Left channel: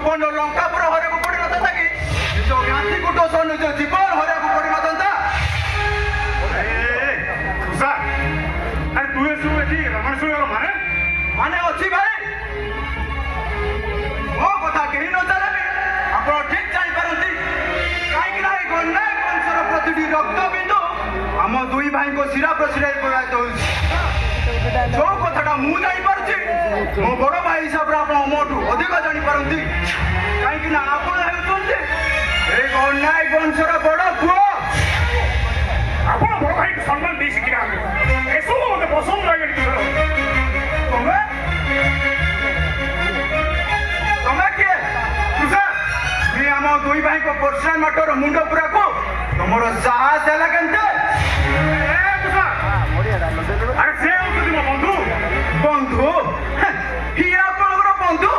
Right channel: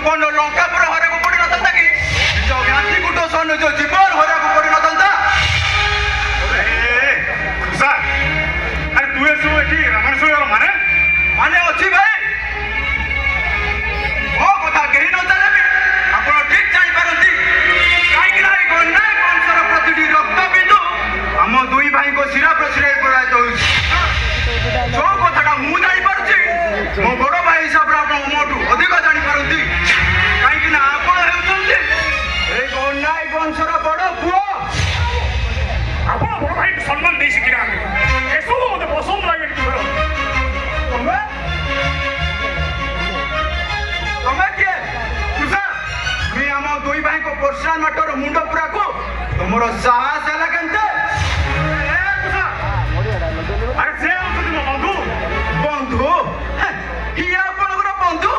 ସୁବର୍ଣ୍ଣ ଲଙ୍କାପୁର ହରାକୁ ପଡ଼ିନଥାନ୍ତା କି ନିଜ ଗାନ୍ଧୀ କୁଟ ସହ ନିଜ ଜୀବନ ହରାକୁ ପଡ଼ିନଥାନ୍ତା। ଆରେ ତୁ ଏସବୁ ଏଠି ରାମାୟଣ ମାନେ ମାନେ ଅଛି ଭାଇ। ମୋ କଥା କେହି ନ ଜାଣିଲେ ଆପଣ ଠିକ ଜାଣିପାରନ୍ତି। କାହିଁକି ନା ଏ ଗଣ୍ଡାଏ ବଂଶର ପ୍ରତିଟି ରକ୍ତ ବିନ୍ଦୁ ଆମ ଦୁଇ ଭାଇଙ୍କ ଶିରା ପ୍ରଶିରାରେ ପ୍ରବାହିତ ହେଉଛି। ଯୋଉ କଥାଟା ମୁଁ ଜାଣିପାରୁଛି ମୋ ବଡ଼ ଭାଇ ହିସାବରେ ଆପଣ ମୋଠୁ ଅଧିକ ଜାଣିପାରନ୍ତି। କାହିଁକି ନା ଆପଣ ହେଉଛନ୍ତି ଏଇ ଗଣ୍ଡାଏ ବଂଶର ବଡ଼ ପୁଅ। ଆପଣ ବଡ଼ ଭାଇକୁ ସମ୍ମାନ ଦେଇ ଶିଖିନାହାନ୍ତି। ଏସବୁ ମୋତେ ପସନ୍ଦ ଲାଗେନି। ତମେ ତମେ କିଏ? ତୁଷାର ଆମ ଦୁଇ ଭାଇଙ୍କ ପର୍ସନାଲ ମ୍ୟାଟର ମୁଣ୍ଡ ପୁରାକୁ ତମର ସାହସ ହେଲା କେମିତି? ଆରେ ସେ ହଉଛନ୍ତି ମୋ ବନ୍ଧୁ। ବନ୍ଧୁ? ଇଏ ଆପଣଙ୍କର ବନ୍ଧୁ?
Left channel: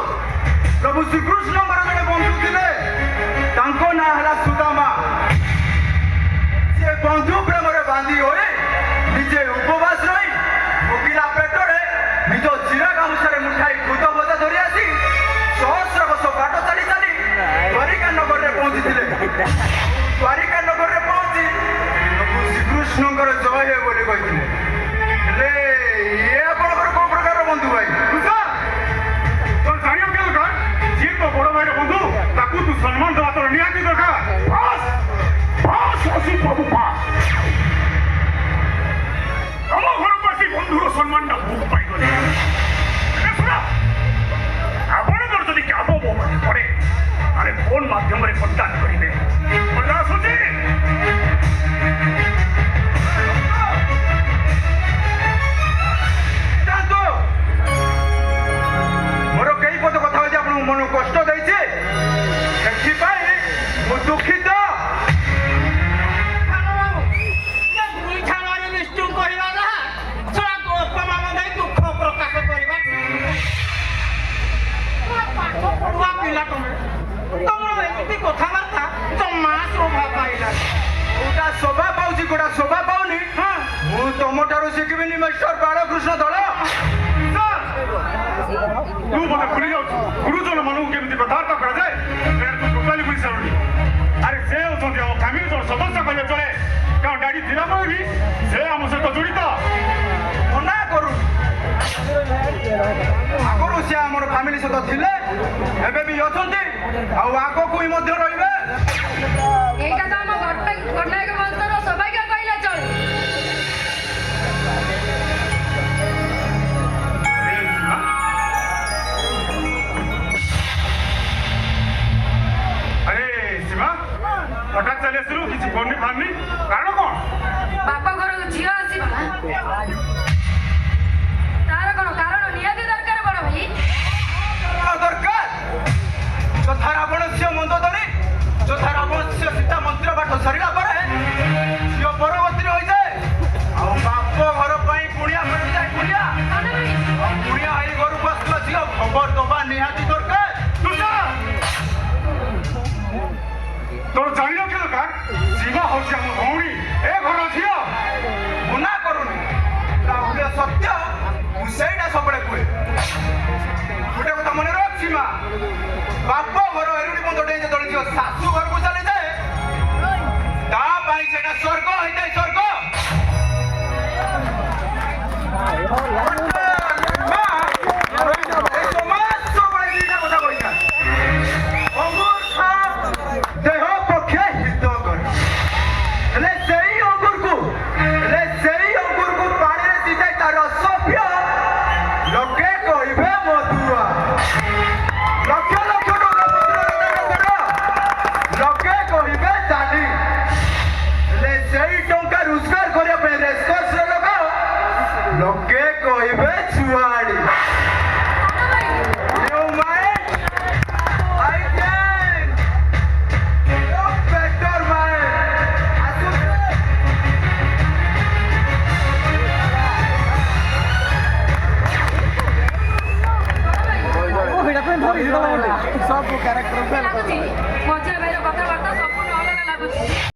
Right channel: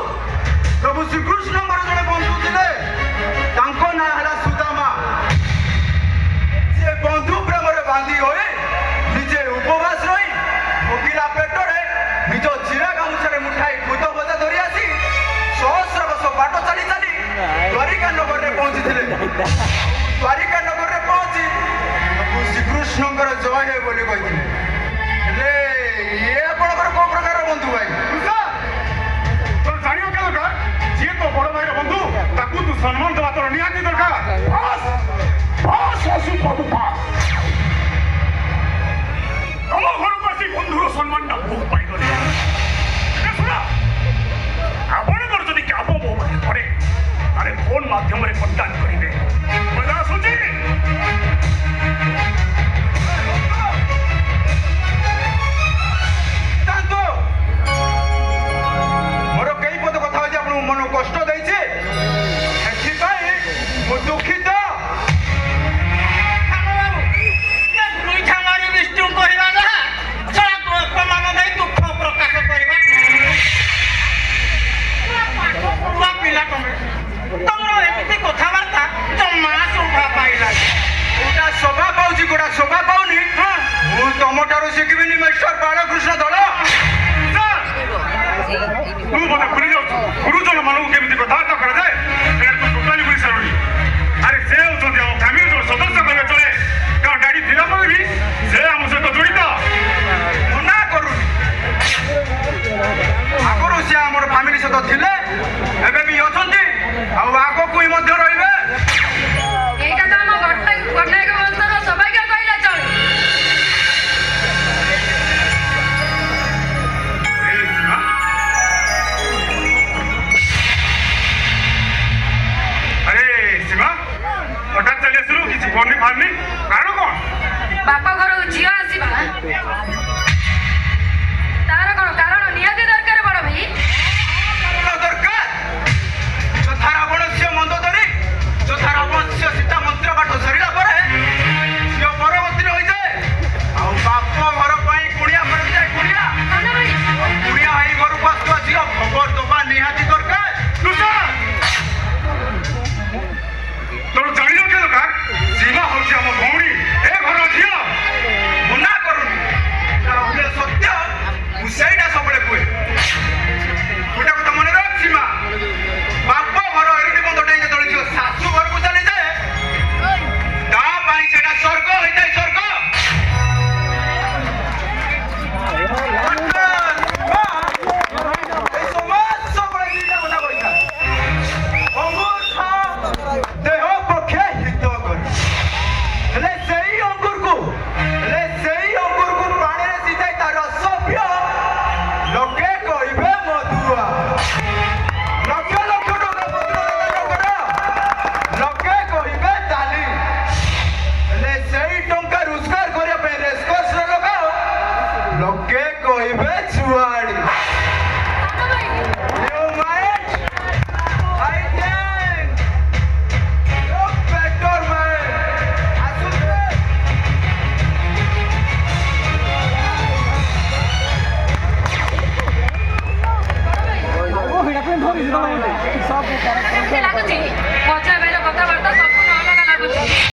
ପ୍ରଭୁ ଶ୍ରୀକୃଷ୍ଣଙ୍କର ଜଣେ ବନ୍ଧୁ ଥିଲେ, ତାଙ୍କ ନାଁ ହେଲା ସୁଦାମା। ସେ ବନ୍ଧୁ ପ୍ରେମରେ ବାନ୍ଧି ହୋଇ ନିଜେ ଉପବାସ ରହି ଭୋକିଲା ପେଟରେ ନିଜ ଚିରା ଗାମୁଛାରେ ମୁଠାଇ ଖୁଦ ଭଜା ଧରି ଆସି ସହସ୍ର ବର୍ଷ ବାଟ ଚାଲି ଚାଲି ଦ୍ୱାରିକା ନଗରରେ ପହଞ୍ଚିଥିଲେ। ଦ୍ୱାରିକା ନଗରରେ ପହଞ୍ଚି ପ୍ରଭୁ ଶ୍ରୀକୃଷ୍ଣଙ୍କର ଜୟ ହେ ବୋଲି କହିଥିଲେ। ହେଲେ ଇଏ ଆପଣଙ୍କର କୋଉ ପ୍ରକାର ବନ୍ଧୁ ଭାଇ? ତୋର ଜାଣିବ କେ ଦରକାର? ଯିଏ ତୋ ବଡ଼ ଭାଇର ବନ୍ଧୁ ତାକୁ ତୁ ସମ୍ମାନ ଦେବା ତୋର ନିହାତି ଦରକାର। ତମ ଘରକୁ ଆସି ବନ୍ଧୁର ସମ୍ମାନଟା ମୁଁ ପାଇଗଲି। ଆପଣଙ୍କର ଯଦି କାମ ମୋ ପାଖେ ପଡ଼େ ତାହେଲେ ଫୋନ୍ ମାଧ୍ୟମରେ କଣ୍ଟାକ୍ଟ କରିବେ। ମଜା ଆସୁଛି? ମୋର କେଇ ପଦ କଥା ହଉଛି ଆପଣଙ୍କୁ ମନକୁ କଷ୍ଟ ଦେଇଛି, ସେଥିପାଇଁ ମୁଁ ଦୁଃଖିତ। କଥାବାର୍ତ୍ତା ଜମା ଶୋଭା ପାଇଲାନି। କୋଉଟା ଶୋଭା ପାଉଛି କୋଉଟା ଶୋଭା ପାଉନି ମୁଁ ତମଠାରୁ ଶିଖିବିନି ମିଷ୍ଟର ବାଳକୃଷ୍ଣ ଦଳ। ତୁ ମୋତେ ଭୁଲି ଯାଉଛୁ ଗୁରୁଜନ ମାନଙ୍କୁ କେମିତି କଥାବାର୍ତ୍ତା କରାଯାଏ ତୁ ଟୋଟାଲି ଭୁଲି ସାରୁଣି। ଆରେ ସେ ହେଉଛନ୍ତି ଆମ ଫ୍ୟାମିଲିର ସଦସ୍ୟ କହିଲେ ଚଳେ, କାରଣ ଡାଡି ଥିଲା ପରେ ବି ସେ ଆମ ସହିତ ଜଡ଼ିତ। ମନା କରୁନି, ଆଗରୁ ସେ ଆମର ଫ୍ୟାମିଲି ସହିତ ଥିଲେ, ଏବେ ବି ଅଛନ୍ତି, ଆଉ ଆଗକୁ ହିଁ ମଧ୍ୟ ରହିବେ। ଏଇଟା ତ ଆମ ଗଣ୍ଡାକ ବଂଶର ସୌଭାଗ୍ୟ କହିଲେ ଚଳେ। ଆରେ ଶିବା ହଠାତ୍ ଚାଲି ଆସିଲୁ, କିଛି ଫୋନ୍ ବାହାରିନି, କାରଣ କ'ଣ? ବାପ ଘରକୁ ଝିଅ ଆସିବା ତାର କ'ଣ କାରଣ ନିହାତି ଦରକାର ବଡ଼ ଭାଇ। ଦରକାର ଯଥା ରାବଣ ମନ୍ଦ ଧରି ଯଥା ରାବଣ ସୀତା ମନ୍ଦିର ବାଟ ସରିଲା